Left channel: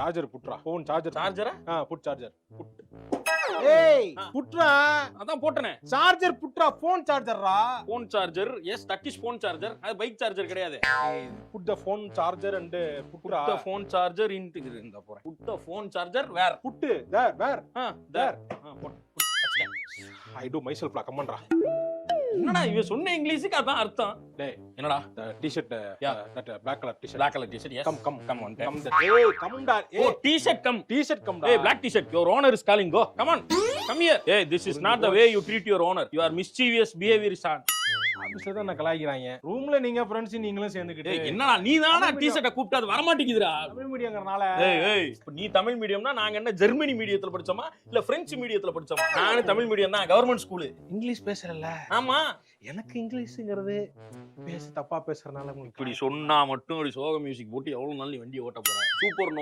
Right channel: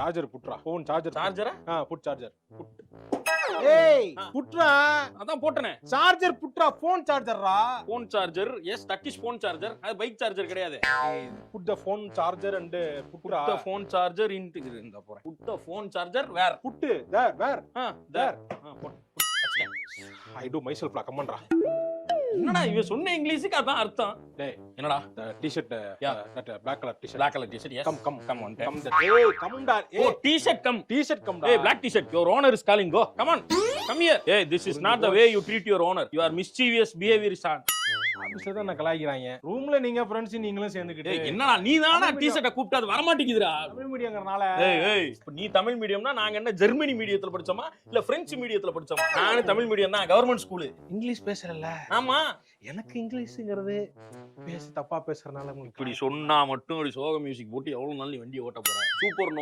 Charger புட்றா phone charger சார்ஜரா put charger ஏய் புட்றா அதான் போட்டனே சார்ஜர் புட்றா ஃபோன் சார்ஜர்ரா phone charger yes that is phone charger அது பைக் சார்ஜர் கிடையாது put the phone charger and புட்றா புட் போன் சார்ஜர் இன்டு இந்த போறேன் put phone charger where put where there I do myself லா கம்மன்டா என்னடா இவ சொன்ன இங்கிலீஷுக்கு அதான் அர்த்தம் டேய் என்னடா t-shirt Yeah. That black color t-shirt black color t-shirt yes come on ஏய் கம்டா oh t-shirt come டி-ஷர்ட் கம்டா hey black t-shirt your owner is calling go come on come here hey this is not the way you treat your owner your mischievous behavior is on அம்சதான் நான் கலாய்க்கிறாங்க ரூம்ல நீங்க friends நீங்களும் சேர்ந்துக்கிட்டு டேய் என்னடா நீ தானா t-shirt கூப்பிட்டு அது வர மாட்டேங்குதுடா தமிழ் மீடியம்ங்கறனால ஏய் நீ தமிழ் மீடியம்னா நாங்க என்ன ஜெர்மனி மீடியத்துல படிச்சோமா இல்ல பிரெஞ்சு மீடியத்துல படிச்சோமா நாங்க தமிழ் மீடியம் தான் கவர்மெண்ட் ஸ்கூல் இங்கிலீஷ் பேசுறல்ல ஆமா எனக்கு இங்கிலீஷ்ங்கிறது தப்பா பேசுறதுனால உங்களுக்கு இப்படி சொன்னா மட்டும் இப்படி சோக மியூசிக் போட்டு எவ்வளவு நாள் நீ வண்டியை ஓட்ட போற சூப்பர் நோ